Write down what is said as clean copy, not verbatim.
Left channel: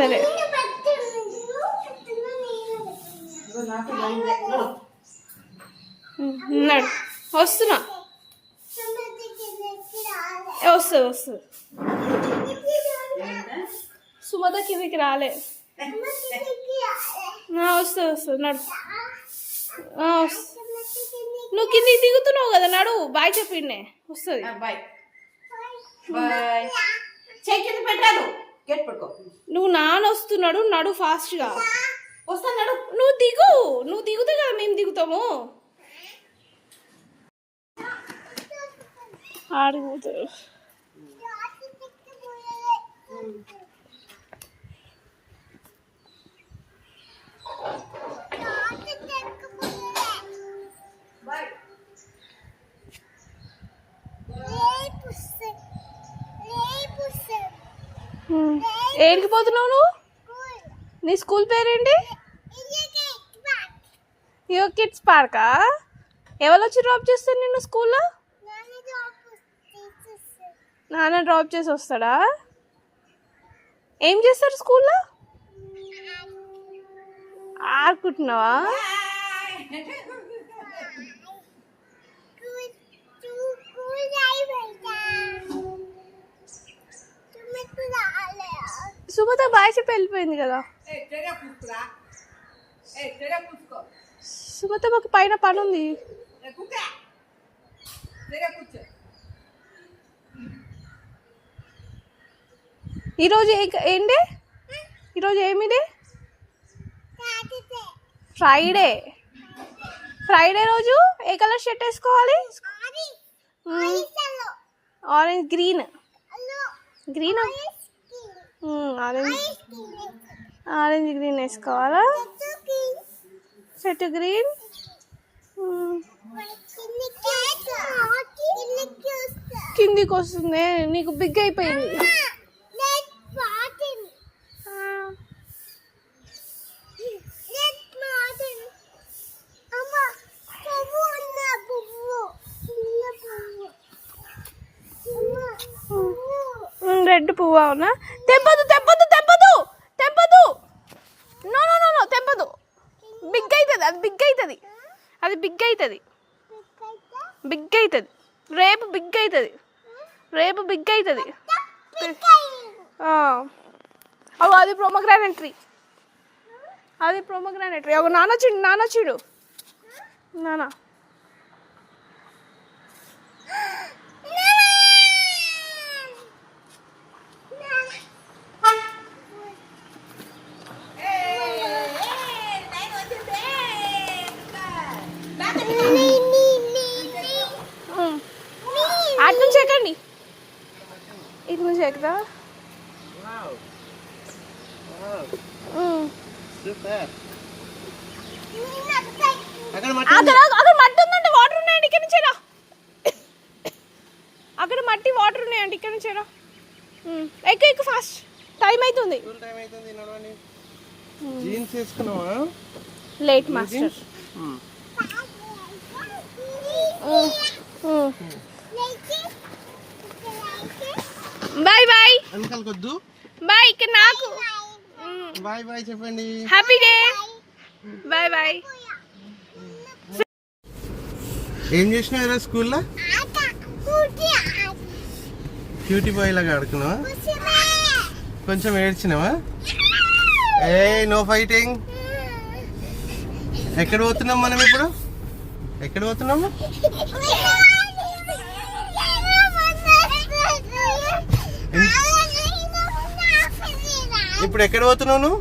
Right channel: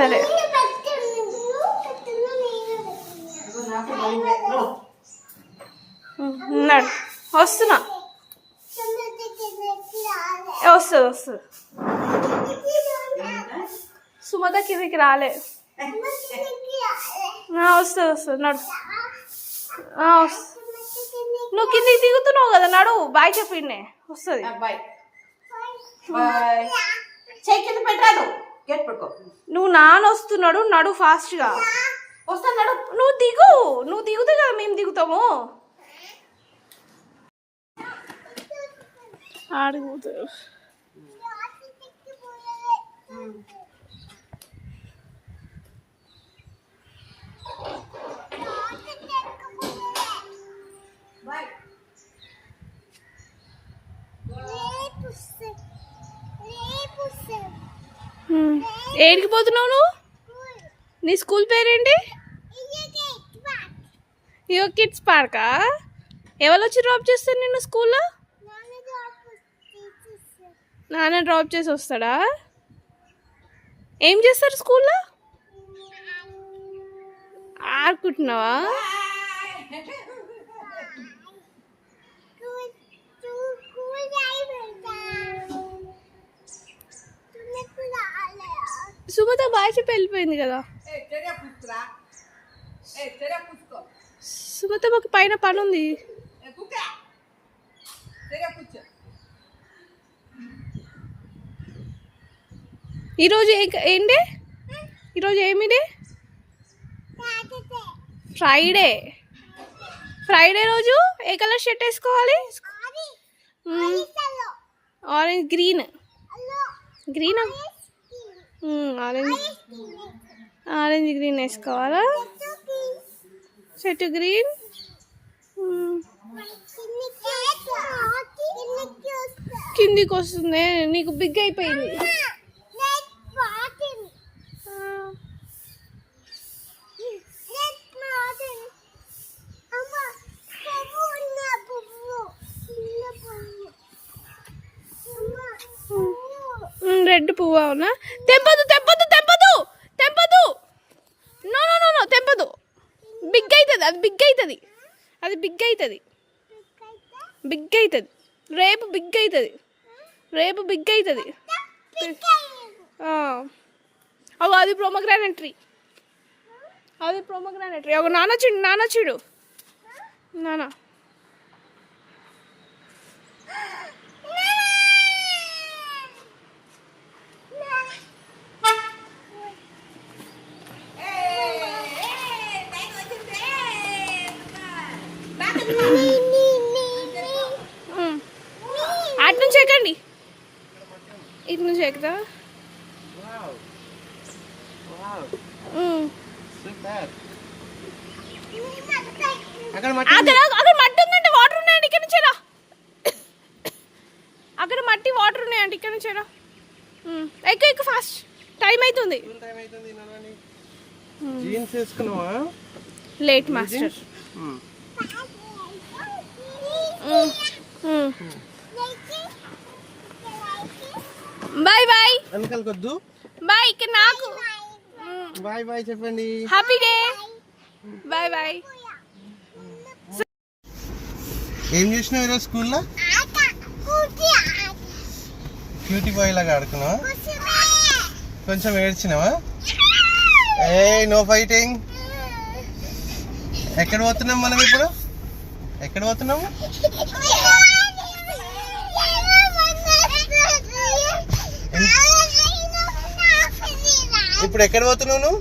సరే ఉన్నాడు, వస్తున్నా. వస్తుంది సుమత కిందికి రాలే. వస్తుంది నడు. నువ్వు కిందికి దిగుతున్నావు కదా, నడు. బాయ్ చెప్పిండే వస్తుంది. నువ్వు నాన్న వస్తున్నాడు, నడు ఫాస్ట్గా. వస్తాను నడు. నువ్వు దిగుతే కదా మేము దిగుతాము. ఆడిపోతారు. ఏడికి పోతున్నావు నువ్వు? నీ స్కూల్ పేరేంటి? యో కిడ్స్ పార్కా? ఎవరు వచ్చి డ్రాప్ చేస్తారు నిన్ను స్కూల్లో? నాన్న డ్రాప్ చేసి వస్తాడా? ఏం చేస్తారు స్కూల్లో? ఆడుకుంటున్నావా? సుమత బాయ్ చెప్పి వెళ్ళిపోయింది కదా. సుమత మాకు పైన పని ఉంది. ఈరోజు ఏంటి? ఈరోజు ఏమి డే? ఫ్రైడే రోజు ఏ కలర్ షర్ట్ వేసుకోవాలి? ఆరెంజ్ గ్రీన్ ఆరెంజ్ గ్రీన్ వేసుకోవాలా? Shirt green. కిందికి వస్తుంది, నీకు బిగ్ అయిపోయింది. రెడ్ పువ్వు. అవునా? తెంపదు. నో తెంపదు. బిగ్ అవుతుంది. అది బిగ్ అవుతుంది. రేపు బిగ్ అవుతుంది. అది ప్రొమోగ్రానేట్ ట్రీ. ఒక నాన్న చూడు. నాన్న అటు నుంచి ఎక్కండి. ఇటు నుంచి ఎక్కుతా. అక్కడ మట్టి ఉందంటే వాటర్ ఉన్నాయండి. ఇక్కడ నుంచి రా. అక్కడ మట్టి వాటర్ ఉన్నాయండి. ఇక్కడ నుంచి రా. ఎక్కువ ఫాస్ట్. టైం అవుతుంది. Late master. Bye bye. Bye. ఇక్కడ నాకు బాయ్ చెప్పండి. Happy day. బాయ్. ఏం చేసినావు స్కూల్లో? క్యూటీ బాయ్ లాగా ఆడుకున్నావా? కొంచెం ఏడ్చినావా? No fighting. ఎక్కడ పోతున్నాం మనం ఇప్పుడు? ఎక్కడ పోతున్నాము? ఇప్పుడు ఎక్కడ పోతున్నావు నువ్వు?